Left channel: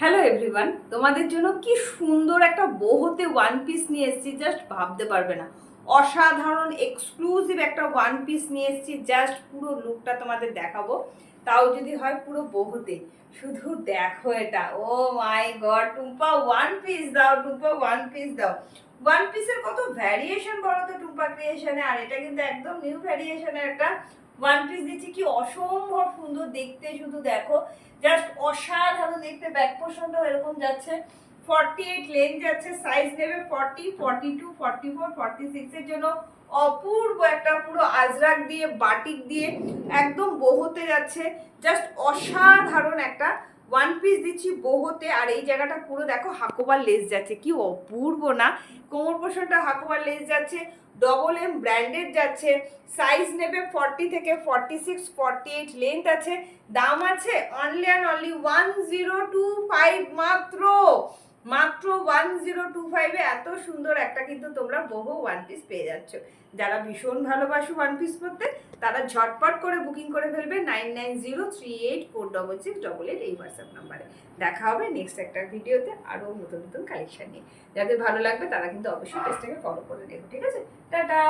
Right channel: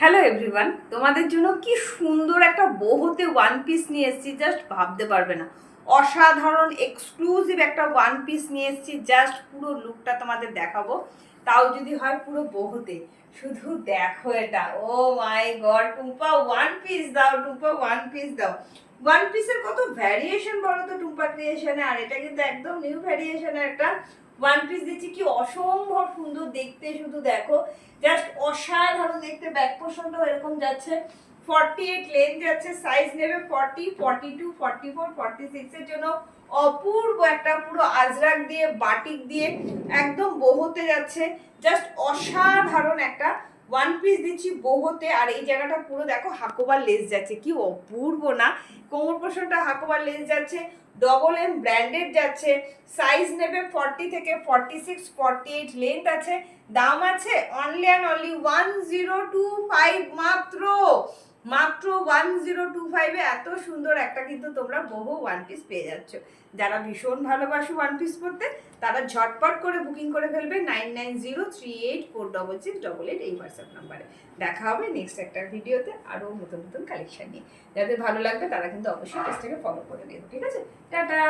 Hello everyone, তোমাদের জন্য কি সুন্দর একটা বোহতে ওয়ান পিস নিয়ে এসেছি, জাস্ট ভাবতে পারবে না। অসাধারণ এক্সক্লুসিভ একটা ওয়ান পিস নিয়ে এসেছি, জাস্ট পুরো লুকটা তোমাদের দেখাবো, তাও যদি হয় পুরো বোহতে। শুধু দেখো এটা, ও মাই গড, টুম্পা ওয়ান পিস দাও, টুম্পা ওয়ান পিস দাও। ওয়ান পিসের কত ভ্যারিয়েশন বলো তো টুম্পা ক্রিয়েশনে, আর এটা কিন্তু একদম নিউ ভ্যারিয়েশনের একটা ওয়ান পিস দিচ্ছি। কি অসম্ভব সুন্দর দেখতে, শুধু দেখো, জাস্ট অসাধারণ দেখতে। ব্যাক পোর্শনটাও এরকম যাচ্ছে, 48 লেন্থ যাচ্ছে, সাইজ নেবে 40, 42, 44, 46 এর জন্য অপূর্ব একটা পুরো আজরাক দিয়ে বাটিক দিয়ে একদম বোহতে যাচ্ছে। জাস্ট অসাধারণ একটা ওয়ান পিস দিচ্ছি বোহতে। আর এই জায়গাটা পুরো দেখো হাকোবার লেস যাচ্ছে, কি অপূর্ব না। কোমর পোর্শনটা হাকোবার লেস যাচ্ছে, ডবল এম ব্র্যান্ডেড যাচ্ছে, সাইজ নেবে 40 থেকে 46, 48 লেন্থ আছে। দাম আছে অনলি অ্যান্ড অনলি 1025, মাত্র মাত্র 1025 এ এত সুন্দর একটা কিন্তু তোমরা বহু ওয়ান পিস পেয়ে যাচ্ছ। যারা ভীষণ ভালোবাসো ওয়ান পিস পরতে, তারা ঝটপট করে বুকিং করে ফেলবে 9903846688 এই হোয়াটসঅ্যাপ নাম্বারে। দেখা হবে নেক্সট একটা ভিডিওতে আরও নতুন নতুন কালেকশন নিয়ে। যাদের ভালো লাগবে তারা কিন্তু অবশ্যই পেজটাকে ফলো করে নেবে, ঠিক আছে? টাটা।